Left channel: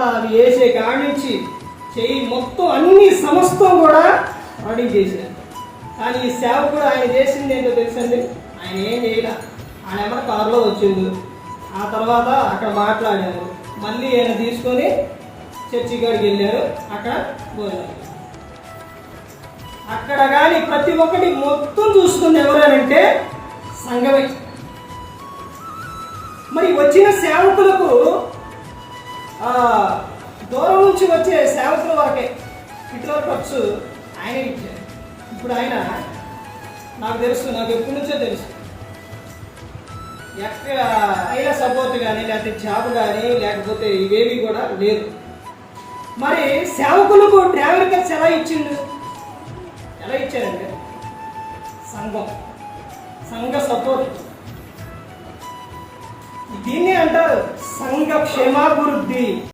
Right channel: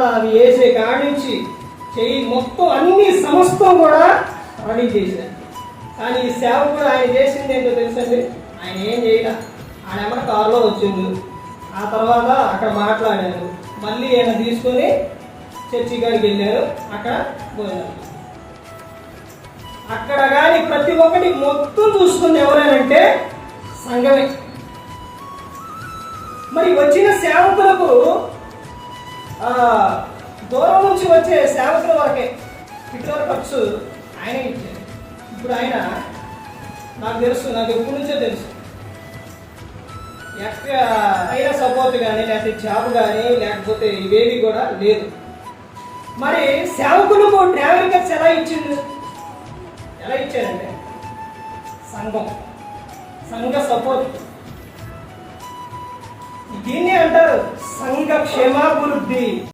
తర్వాత అది వేసే కాడించి చెయ్యి మొత్తం అన్ని సమస్తం కూడా రెడీ చేశారు. కానీ ఈ సేవకుడు ఆయన చేసింది ఏంటో తెలుసండి, ఆయన ఏం చేయలే. ఆయన ఏమన్నా కారులో వచ్చిండు, ఆ తర్వాత అక్కడ మాట్లాడారు, మళ్ళీ ఆయన తీసుకొని చర్చి కాడికి వెళ్ళారు, అక్కడ పోయారు. అక్కడ కానీ ప్రతి ఒక్కటి మొత్తం చూసుకుంది ఎవరేనంటే సంఘమే. మరి వచ్చిన సేవకులకు దూరం నుంచి వచ్చే సేవకుల వరకే ఇతరుల ఖర్చు ఆయనే ఇచ్చారు. ఇప్పుడు ఆయన నాకు తెలుసు, నాకు ఎప్పటి నుంచో తెలుసు, ఎక్కడ అయినా సపోర్ట్ కానీ లేకపోతే జాబ్ కానీ లేకపోతే ఇవేవి కూడా లేదు. మరి సేవకులకు ట్రావెల్ ఖర్చు ఎలా ఇచ్చిండు? ఎలా ఇచ్చారంటే సంఘ సపోర్ట్. దీన్ని అంటారు సంఘ క్షేమాభివృద్ధి.